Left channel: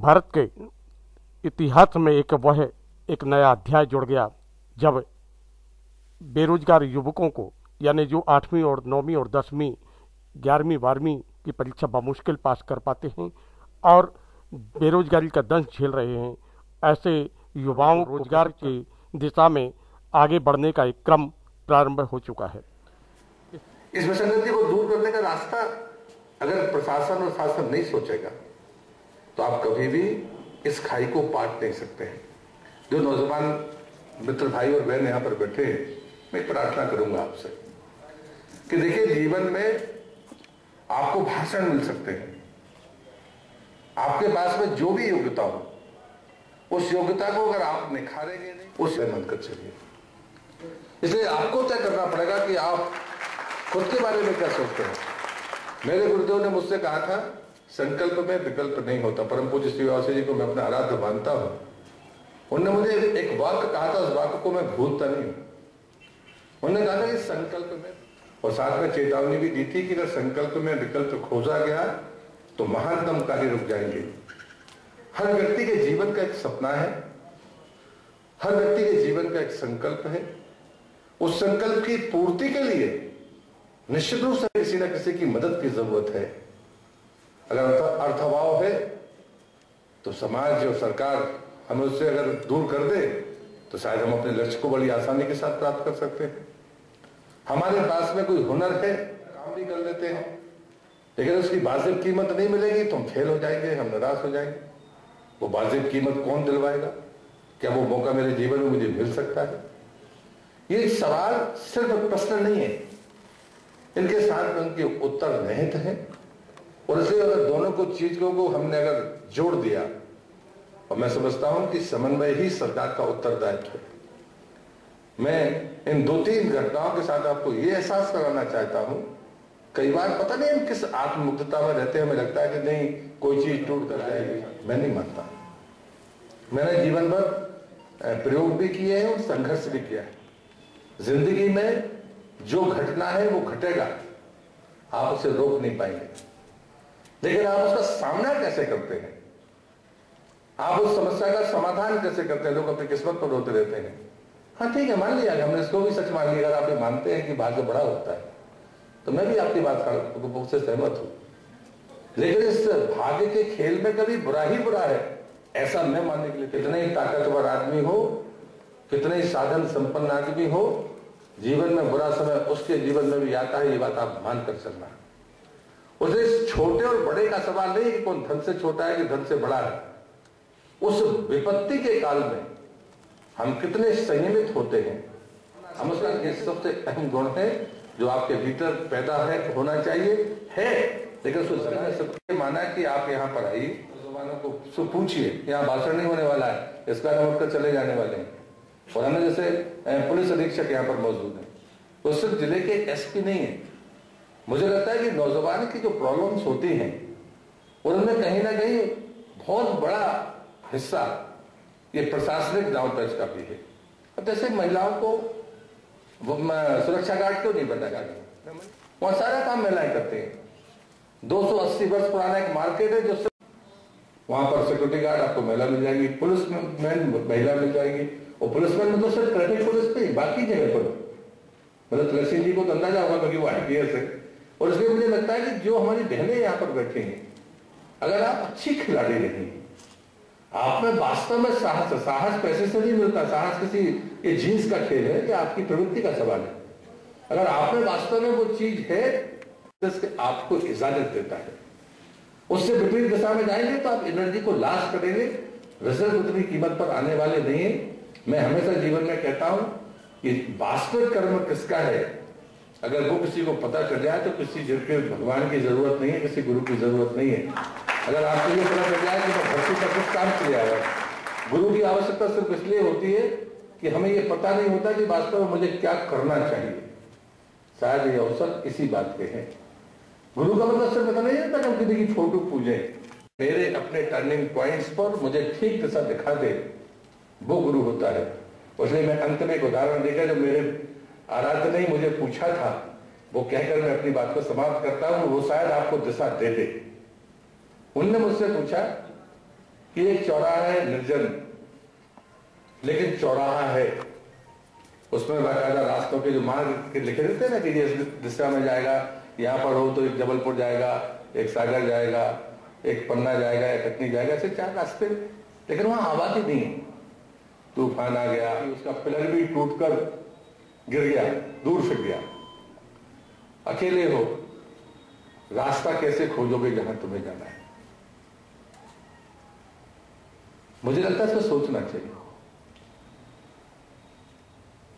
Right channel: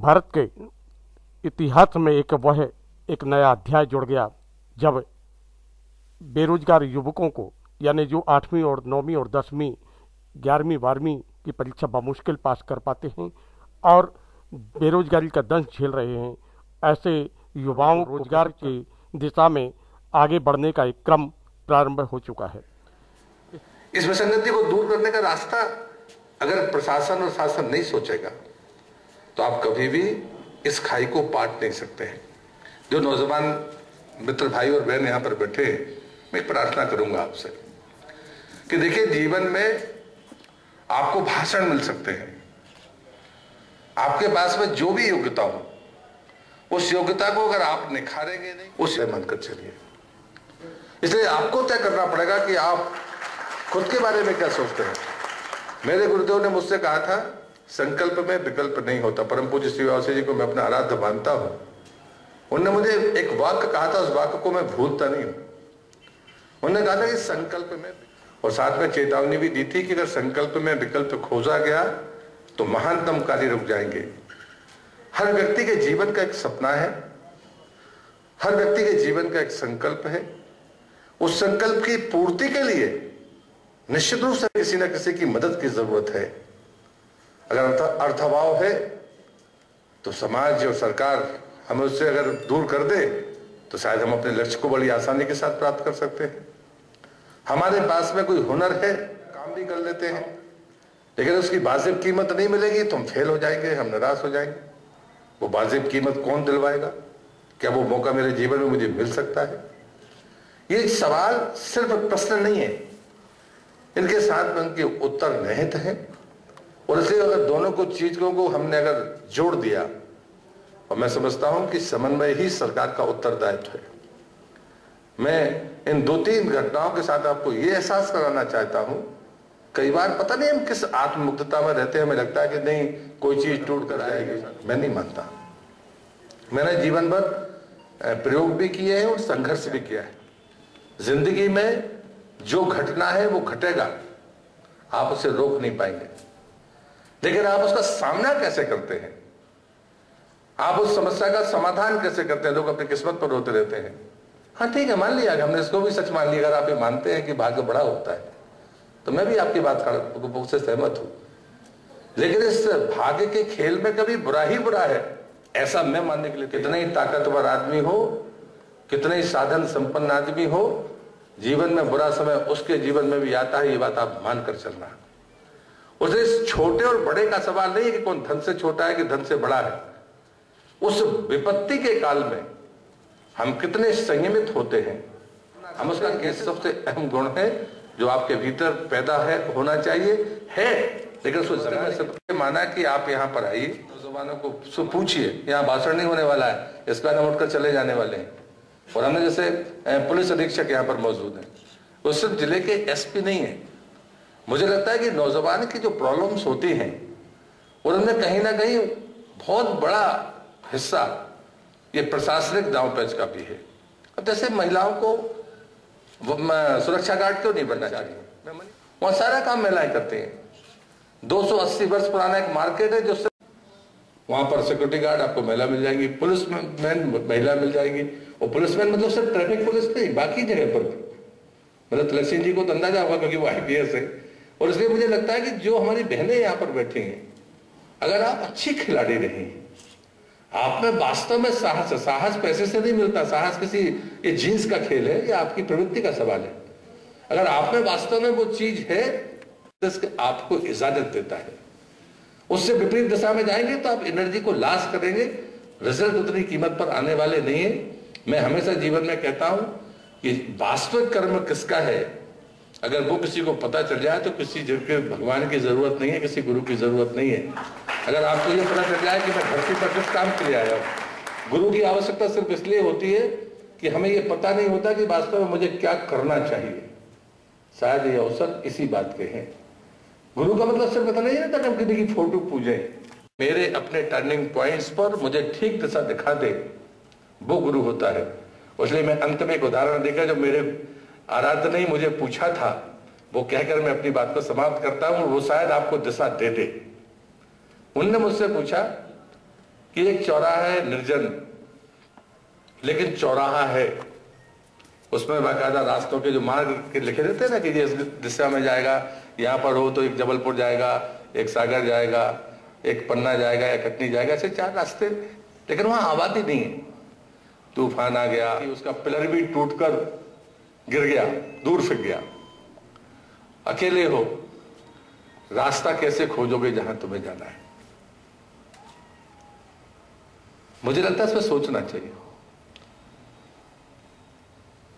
भारत के इतिहास में एक नया अध्याय जुड़ गया जब बेरोजगार युवकों को, यानी जो 8वीं और 9वीं और 10वीं 11वीं 12वीं की परीक्षा बामुश्किल पास कर पाते हैं और बेरोजगारी का दंश झेल रहे हैं, ऐसे युवाओं को रोजगार की दिशा में आगे बढ़ने का एक क्रम प्रारंभ हो चुका है। इस विसंगति को दूर करने का रास्ता अगर प्रशासन और शासन नहीं सोचेगा तो आप कभी भी इस खाई को पाट नहीं सकते हैं। जो नौजवान मित्र भाई और बहन यहाँ पर बैठे, मैं प्रार्थना करूंगा आपसे कि देखिए, जीवन में आपको भाषण मिल सकते हैं, आपके पास में जो भी योग्यता हो, उस योग्यता को अगर आप निखारेंगे नहीं, उसे मन कर चलिए। इसलिए आपको तय करना पड़ेगा कि आप खुद के बारे में क्या सोचते हैं। मेरे गुरुदेव ने मुझसे कहा था, संकल्प में विकल्प नहीं होता। परम पूज्य श्री वासी जी को मैं अपना आराध्य मानता हूं। उन्होंने मुझे एक वाक्य कहा था, उस वाक्य को मैं भूलता नहीं हूं। उन्होंने कहा था कि संकल्प में, और साथ में चेतावनी भी दी थी कि अगर संकल्प में विकल्प खोजा गया तो महानतम कार्य रुक जाएंगे। हर व्यक्ति के जीवन का एक सपना है, हर व्यक्ति के जीवन का एक संकल्प है। उस संकल्प की पूर्ति के लिए निश्चित रूप से किसी न किसी की मदद की जरूरत है। अगर अर्थाभाव है तो समाज और सरकार हमें उससे अगर दूर कर दे तो शायद हम अपने लक्ष्य को बड़ी आसानी के साथ प्राप्त कर सकते हैं। हमारे पास में कोई हुनर है, काम भी कर लेते हैं, लेकिन उसकी वाजिब कीमत नहीं मिलेगी तो हम फेल हो जाएंगे, हम निराश हो जाएंगे। वो वाजिब कीमत कौन दिलवाएगा? क्या वो मौका मेरे जीवन में मुझे मिल सकता है? ये सवाल सिर्फ प्रश्न नहीं है, इनके साथ में उनके उत्तर निहित हैं। और इसलिए अगर दोनों को चीजों को हमने अगर जोड़ दिया, और मैं समझता हूं कि समन्वय ही सरकार का उत्तरदायित्व है। मैं इन 2-3 घटनाओं के साथ आपको यह एहसास कराना चाहता हूं। कई बार पता नहीं हम किस आत्ममुग्धता में रहते हैं, हमें लगता है कि नहीं कोई चीज टूट कर जाएगी। मैं नहीं मानता। मैंने जीवन भर प्रयोग भी किए हैं और संघर्ष भी किया है। जिंदगी में जो घटना है वो घटेगा, आप उसे रोक नहीं पाएंगे, लेकिन आप उसका सामना कैसे करते हैं, आप उस समस्या का समाधान कैसे करते हैं। लोग अपनी किस्मत पर रोते रहते हैं। हाँ ठीक है, मान लिया, हमने इसको भी सच मान लिया। अगर आप ये मानते हैं कि भाग्य बड़ा होता है तो मैं भी आपकी बात से सहमत हूं, लेकिन इस भाग्य के खेल में कभी बुरा ही बुरा है ऐसा मैं मानने के लिए, कितने ही ताकतवर आदमी हो, कितने ही साधन संपन्न आदमी हो, जीवन में बुरा समय उसके जीवन में भी आता है। ये बात आप मानकर चलना। उसे इस छोटे और बड़े का सवाल नहीं है कि कौन धन से छोटा है कि धन से बड़ा है। उस विपत्ति के काल में हम कितने संयमित होते हैं, हम उसका सबसे अहम गुण है जो आपके भीतर पैदा है, होना चाहिए है। लेकिन उसको सबसे माना कि आप यहाँ पर आइए, नौजवानों को पूछिए, यहाँ भाषण नहीं होने वाला है, इसका नाम उठकर चले जाने वाले हैं। और हमने जैसे पुलिस अधीक्षक यहाँ पर मौजूद है, वो सिर्फ जिले के एसपी नहीं है। मुझे लगता है कि नौजवान की जो प्रॉब्लम्स होती हैं उनमें कहीं ना कहीं बहुत बड़ा हिस्सा ये प्रशासनिक दांवपेच का भी है। अब जैसे महिलाओं को सुरक्षा गार्ड क्यों नहीं बनना चाहिए? वहां सारा काम महिलाएं करते हैं। 280 वर्ष पुराना एक मार्केट है, जो वहां पर सिक्योरिटी गार्ड आपको महिला मिल जाएंगी, पुलिस मैन महिला मिल जाएंगी। और पुलिसमैन मतलब सिर्फ ट्रैफिक पुलिस नहीं, बाकी जगह पर। मतलब तिलक सिंह जी को तो अंदाजा होगा क्योंकि वो IPS है। और इसलिए मुझे लगता है कि जो हमारी बहनें यहाँ पर बैठी हैं, अगर आप अच्छी खिलाड़ी रही, आप में वास्तव में साहस है। साहस पैसे से नहीं मिलता, साहस किसी ये जीन्स का खेल है, ये आपकी प्रवृत्ति का सवाल है। अगर आप में वास्तव में वो चीज है तो आपको इजाजत देता है। उससे विपरीत दिशा में जाएंगे तो आप एनर्जी को लॉस करेंगे, रिजल्ट उतनी कीमत पर आने वाले नहीं है। मैं हमेशा जीवन में कहता हूं कि वास्तविक कर्म किसका है, अगर वो किसी को पता चल जाए तो किसी भगवान की जरूरत नहीं है, किसी गुरु की जरूरत नहीं है। अगर आपको ये पता चल जाए कि मैं धरती पर किस काम के लिए आया हूं, गुरु की आवश्यकता सिर्फ इसलिए होती है कि हमें ये पता नहीं होता कि वास्तव में मुझे क्या करना चाहिए। शायद ये अवसर इसी बात के हैं। गुरु का मतलब सिर्फ पता नहीं रहता कि हम किसी की फोटो पूजे। मेरे अपने टर्निंग पॉइंट्स पर मुझे ठीक दिशा दिखा दे, वो गुरु होता है। इसलिए मैं अंत में एक उदाहरण देकर, जो मेरे आराध्य ने मुझे पूछा था, वो कहकर मैं अपनी बात को समाप्त करता हूं। वो शायद आपको दिशा दे दे। उनने मुझसे पूछा कि एक चौराहा है निर्जन, लेकिन चौराहा है, उसमें बाकायदा रास्तों के जो मार्ग लिखे रहते हैं ना कि ये इस दिशा में जाएगा, यहाँ पर हो तो एक जबलपुर जाएगा, एक सागर जाएगा, एक पन्ना जाएगा या कटनी जाएगा, ऐसे 4 रास्ते, लेकिन वहां आबादी नहीं है। तूफान आ गया, उसका पिलर भी टूटकर गिर गया, दूर फिर गया, अकेले हो, रास्ता कैसे खोजोगे जहां तुम्हें जाना है? मुझे लगता है इस पर सोचना चाहिए।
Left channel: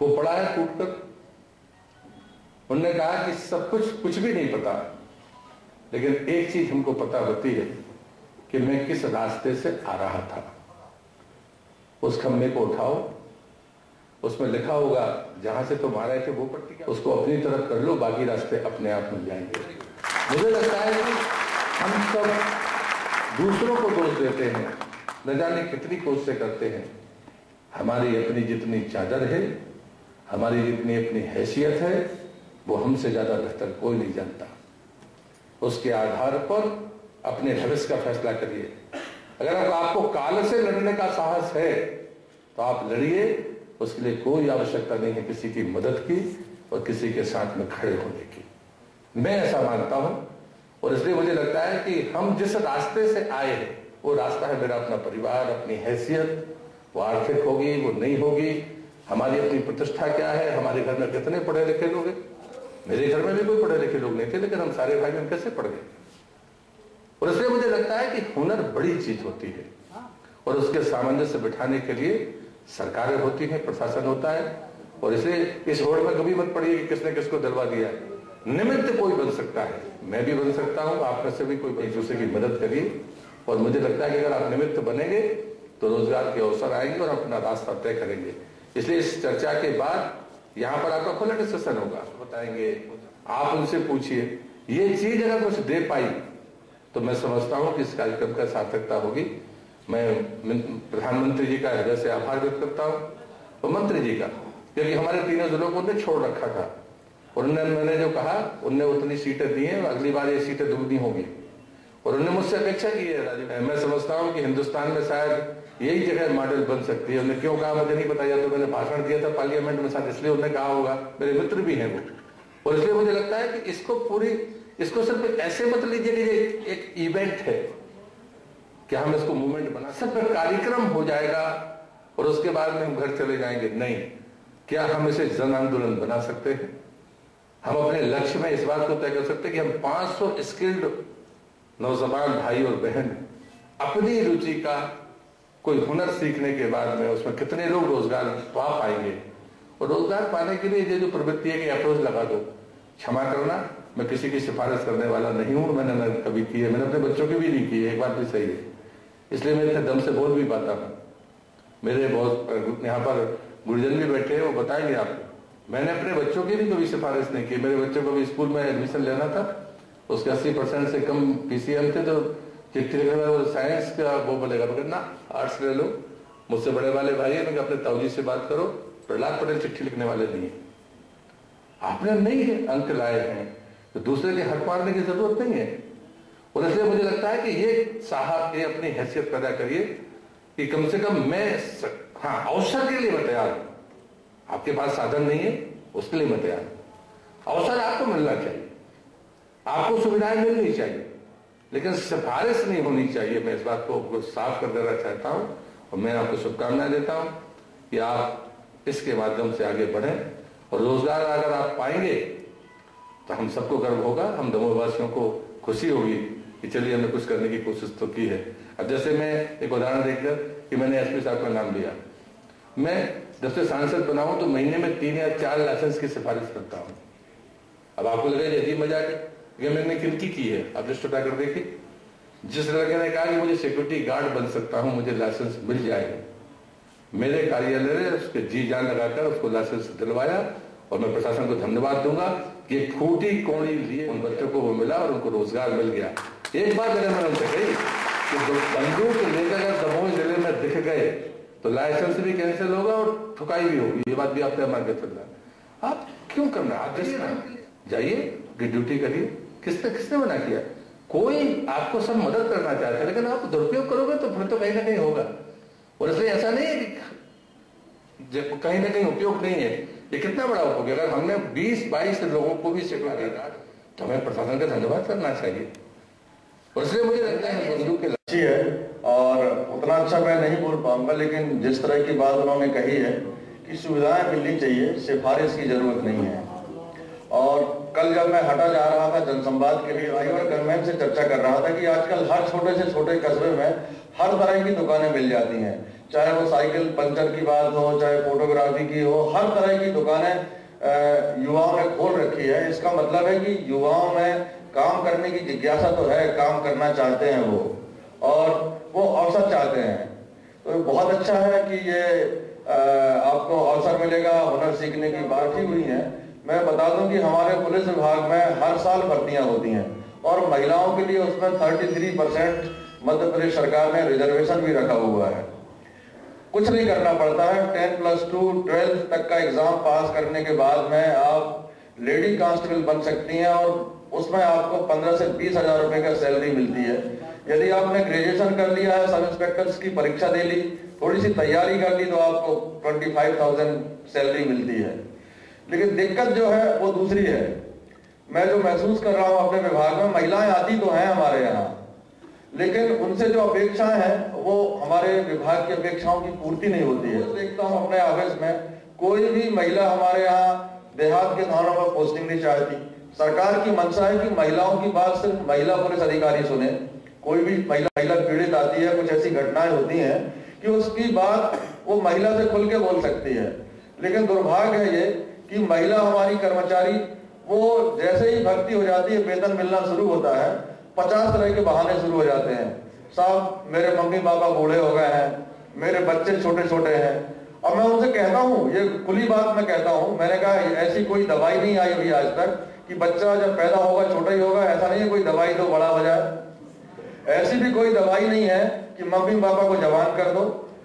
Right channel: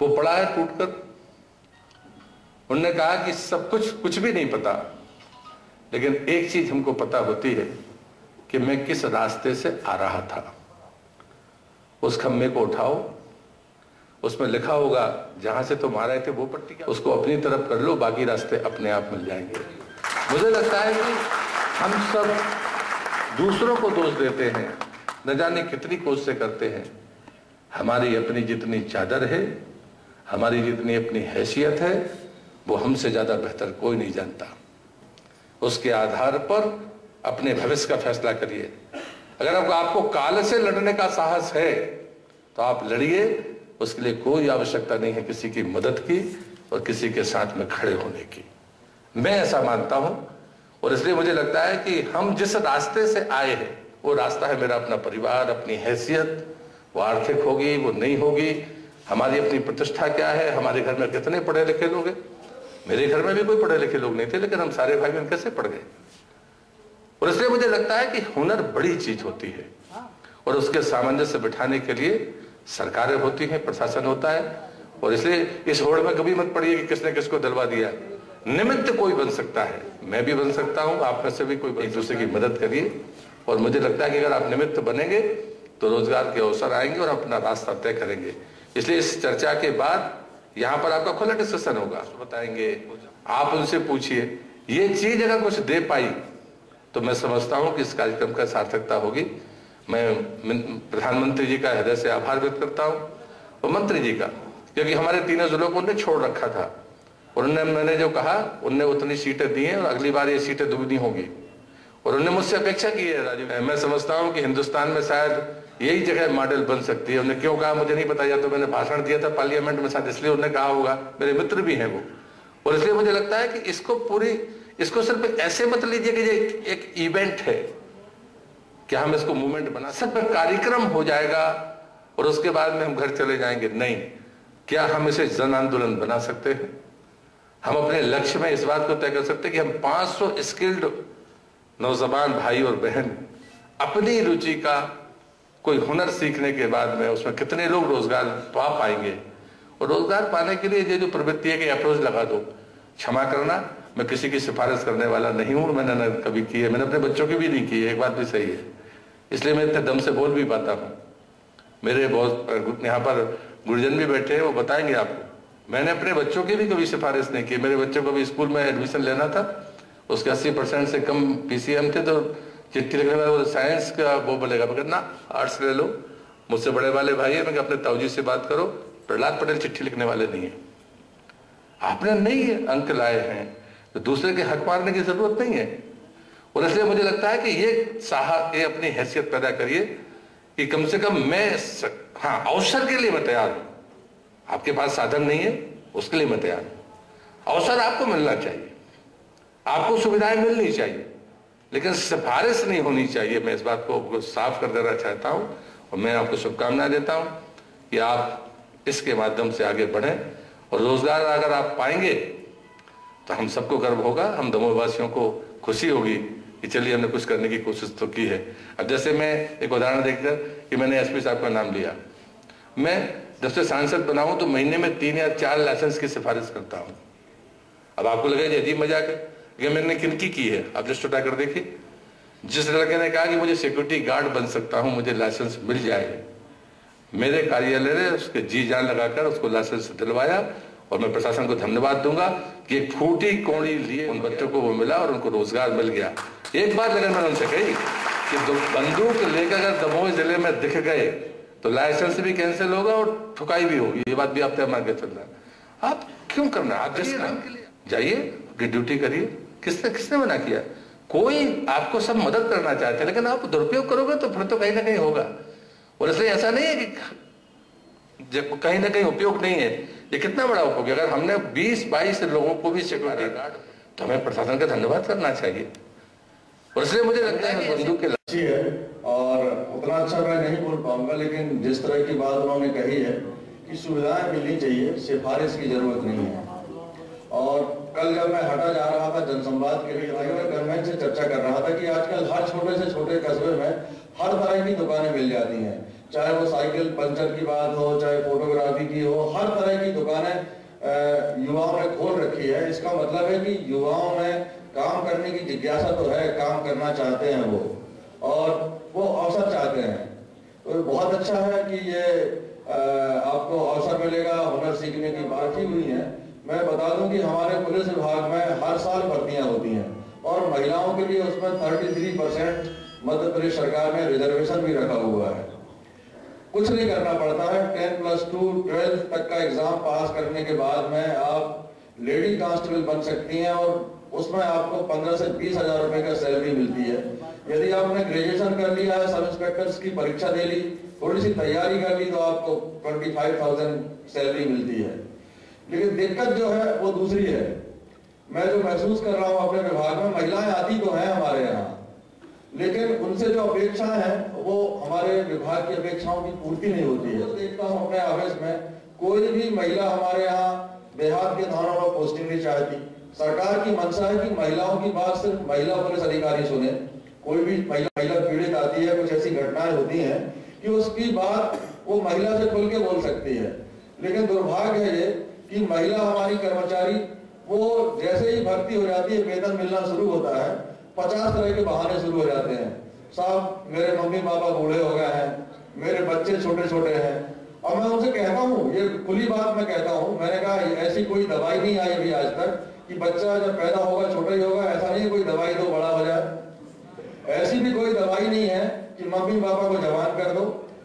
वो पड़ा है टूटकर, उन्होंने कहा कि सब कुछ भी नहीं पता, लेकिन एक चीज हमको पता होती है कि मैं किस रास्ते से आ रहा था। उस खम्भे को उठाओ, उसमें लिखा होगा जहां से तुम आ रहे थे वो पट्टी, क्या उसको अपनी तरफ कर लो, बाकी रास्ते अपने आप मिल जाएंगे। मुझे लगता है कि हम सब दूसरों को दोष देते हैं, न जाने कितनी कोशिशें करते हैं। हमारी अपनी जितनी चादर है, हमारी जितनी अपनी हैसियत है, वो हमसे ज्यादा बेहतर कोई नहीं जानता। उसके आधार पर अपने भविष्य का फैसला करिए। अगर आपको काल से लड़ने का साहस है तो आप लड़िए, उसके लिए कोई आवश्यकता नहीं है किसी की मदद की और किसी के साथ में खड़े होने की। मैं ऐसा मानता हूं, और इसलिए मुझे लगता है कि हम जिस रास्ते से आए हैं वो रास्ता है मेरा अपना परिवार, अपनी हैसियत, वो आर्थिक होगी, वो नहीं होगी, हमारी अपनी प्रतिष्ठा क्या है, हमारे घर में कितने पढ़े लिखे लोग हैं। मेरे घर में भी कोई पढ़े लिखे लोग नहीं थे, लेकिन हम सारे भाई बहन कैसे पढ़ गए। और इसलिए मुझे लगता है कि हुनर बड़ी चीज होती है, और उसके सामंजस्य बिठाने के लिए सरकारें होती हैं, प्रशासन होता है। और इसलिए इस होड़ में कभी मत पड़िए कि किसने किसको दिलवा दिया। निमित्त कोई बन सकता है, मैं भी बन सकता हूं, आप में से भी कोई एक दूसरे की मदद करिए। और मुझे लगता है कि अगर आप निमित्त बनेंगे तो रोजगार के अवसर आएंगे और अपना रास्ता तय करेंगे। इसलिए इस चर्चा के बाद यहाँ पर आपका खुला डिस्कशन होगा, बताएंगे, आप उनसे पूछिए। ये चीज अगर कुछ दे पाई तो मैं समझता हूं कि इस कार्यक्रम का सार्थकता होगी। मैं प्रधानमंत्री जी का हृदय से आभार व्यक्त करता हूं और मंत्री जी का, क्योंकि हमारे तीनों जिलों को उन्होंने छोड़ रखा था और मैंने जो कहा उनने उतनी सीटें दी हैं और अगली बार ये सीटें दुगनी होंगी। और उन्होंने मुझसे अपेक्षा की है राजीव, मैं समझता हूं कि हिंदुस्तान में शायद यही जगह मॉडल बन सकती है। उन्होंने क्यों कहा मुझे नहीं पता, या तो मैंने भाषण दिया था पार्लियामेंट में, शायद इसलिए उन्होंने कहा होगा, मेरे मित्र भी हैं वो। और इसलिए मुझे लगता है कि इसको सिर्फ ऐसे मत लीजिए कि ये एक इवेंट है, क्या हम इसको मूवमेंट बना, सिर्फ कार्यक्रम हो जाएगा और उसके बाद में हम घर चले जाएंगे, नहीं। क्या हम इसे जन आंदोलन बना सकते हैं? हम अपने लक्ष्य में इस बात को तय कर सकते हैं कि हम 500 स्किल्ड नौजवान भाई और बहन अपनी रुचि का कोई हुनर सीखने के बाद में उसमें कितने लोग रोजगार पा पाएंगे। और रोजगार पाने के लिए ये जो प्रवृत्ति है कि अप्रोच लगा दो, क्षमा करना, मैं किसी की सिफारिश करने वाला नहीं हूं, मैंने न कभी की है, मैंने अपने बच्चों की भी नहीं की है, एक बात भी सही है, इसलिए मैं इतने दम से बोल भी पाता हूं। मेरे बहुत यहाँ पर गुरुजन भी बैठे हैं, वो बताएंगे आपको। मैंने अपने बच्चों की भी कभी सिफारिश नहीं की। मेरे बच्चों को भी स्कूल में एडमिशन लेना था, उसके 80% से कम पीसीएम थे, तो चिट्ठी लिखने वाले साइंस का वो बोलेगा, मगर ना आर्ट्स ले लो। मुझसे बड़े वाले भाई है, मैं अपने ताऊजी से बात करो, प्रहलाद पटेल चिट्ठी लिखने वाले नहीं है। आपने नहीं अंक लाए हैं तो दूसरे के हक मारने की जरूरत नहीं है। और इसलिए मुझे लगता है कि ये अपनी हैसियत पैदा करिए कि कम से कम मैं, हाँ, अवसर के लिए मैं तैयार हूं। आपके पास साधन नहीं है, उसके लिए मैं तैयार हूं। अवसर आपको मिलना चाहिए, आपको सुविधाएं मिलनी चाहिए, लेकिन सिफारिश नहीं होनी चाहिए। मैं इस बात को साफ कर देना चाहता हूं और मैं आपको शुभकामनाएं देता हूं कि आप इसके माध्यम से आगे बढ़ें और रोजगार अगर आप पाएंगे तो हम सबको गर्व होगा, हम दमोह वासियों को खुशी होगी कि चलिए हमने कुछ करने की कोशिश तो की है। अब जैसे मैं एक उदाहरण देखकर कि मैंने एसपी साहब का नाम लिया, मैं जब से सांसद बना हूं तो महीने में 3 या 4 लाइसेंस की सिफारिश करता हूं। अब आपको लगेगा अजीब मजाक है, लेकिन मैंने किनकी की है आप लिस्ट उठा कर देखिए। जिस लड़के ने कहा कि मुझे सिक्योरिटी गार्ड बन सकता हूं, मुझे लाइसेंस मिल जाए, मेरे कार्यालय ने उसके जी जान लगाकर उसको लाइसेंस दिलवाया। और मैं प्रशासन को धन्यवाद दूंगा कि एक फूटी कौड़ी लिए उन बच्चों को वो मिला और उनको रोजगार मिल गया। एक बात अगर मैंने उनसे कही कि बंदूक लेकर अगर दमोह जिले में दिख गए तो लाइसेंस भी कैंसिल होगा और ठुकाई भी होगी, ये बात भी आप तय मान के चल रहा है। आप क्यों करना, आप जिस जाइए, ड्यूटी करिए। किसने मना किया? कोई आपको सब मदद करना चाहते हैं, लेकिन आप दुरुपयोग करोगे तो फिर तो कहीं ना कहीं होगा। और इसलिए ऐसा नहीं है कि कहीं ना कहीं उपयोग नहीं है, ये कितना बड़ा उपयोग है। अगर हमने 20-22 लोगों को भी सिक्योरिटी गार्ड, तो हमें प्रशासन का धन्यवाद करना चाहिए। और इसलिए मुझे लगता है कि बंदूक के अच्छी है, और उतना अच्छा मैं नहीं बोल पाऊंगा, लेकिन जिस तरह की बात उन्होंने कही है कि सुविधाएं मिलनी चाहिए, सिफारिश की जरूरत नहीं है। और कल जब मैं हटा जा रहा था जनसंवाद के लिए, राइवर गवर्नमेंट से चर्चा कर रहा था कि आजकल हर छोटे से छोटे कस्बे में हर तरह की दुकानें मिल जाती हैं, चाहे वो साइकिल पंचर की बात हो, चाहे फोटोग्राफी की हो, हर तरह की दुकानें युवाओं ने खोल रखी है। इसका मतलब है कि युवाओं में काम करने की जिज्ञासा तो है, काम करना चाहते हैं वो, और वो अवसर चाहते हैं। तो बहुत अच्छा है कि ये आपको अवसर मिलेगा, हुनर सीखने की बात ही हुई है। मैं बता दूं कि हमारे पुलिस विभाग में हर साल भर्तियां होती हैं, और महिलाओं के लिए उसमें 33% मध्य प्रदेश सरकार ने रिजर्वेशन भी रखा हुआ है। कुछ नहीं करना पड़ता है, 10+2 12 तक का एग्जाम पास करने के बाद में आप लेडी कांस्टेबल बन सकती हैं, और उसमें आपको 15 से 20 हजार रुपए का सैलरी मिलती है। यदि आपने ग्रेजुएशन कर लिया है, सब इंस्पेक्टर्स की परीक्षा दे ली, थोड़ी सी तैयारी कर ली, तो आपको 25,000 सैलरी मिलती है। लेकिन दिक्कत जो है वो दूसरी है। मैं जो महसूस कर रहा हूं अपने विभाग में, महिलाएं आती तो हैं हमारे यहाँ, लेकिन उनसे जो अपेक्षाएं हैं वो हमारे विभाग की अपेक्षाओं की पूर्ति नहीं होती है। देखता हूं अपने ऑफिस में कोई भी महिला हमारे यहाँ देहात के थानों में पोस्टिंग नहीं चाहती। सरकार की मंशा है कि महिलाओं की बात सिर्फ महिला पुलिस अधिकारी सुने। कोई भी महिला पीड़ित आती है, कुछ ऐसी घटनाएं होती हैं कि उसकी बात वो महिला से खुल के बोल सकती है, लेकिन दुर्भाग्य है ये कि महिला हमारी कर्मचारी वो जैसे ही भर्ती हो जाती है, वेतन मिलना शुरू होता है, 50 तरह के बहाने शुरू हो जाते हैं। साहब मेरे मम्मी पापा बूढ़े हो गए हैं, मेरे बच्चे छोटे छोटे हैं। और मैं उनसे कहता हूँ, ये खुली बात मैं कहता हूँ, मैंने कहा ऐसी कोई दवाई नहीं आई अभी आज तक कि बच्चा जब पैदा होगा छोटा ही होगा। ऐसा नहीं है कोई दवाई दो बड़ा हो जाए, ऐसी भी कोई दवाई नहीं है कि मम्मी पापा को जवान कर दो।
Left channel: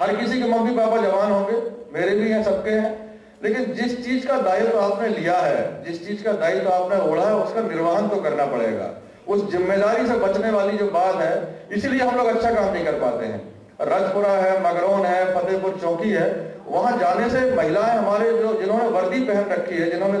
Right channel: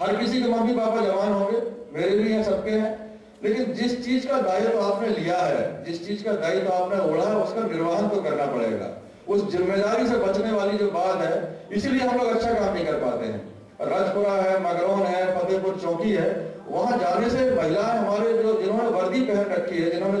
हर किसी के मम्मी पापा जवान होंगे, मेरे भी हैं, सबके हैं, लेकिन जिस चीज का दायित्व आपने लिया है, जिस चीज का दायित्व आपने ओढ़ा है, उसका निर्वहन तो करना पड़ेगा। उस जिम्मेदारी से बचने वाली जो बात है, इसलिए हम लोग अच्छा काम नहीं कर पाते हैं। रजपुरा है, मगरौन है, फतेहपुर चौकी है, वहां जाने से महिलाएं हमारे जो जिन्होंने वर्दी पहन रखी है, जिन्होंने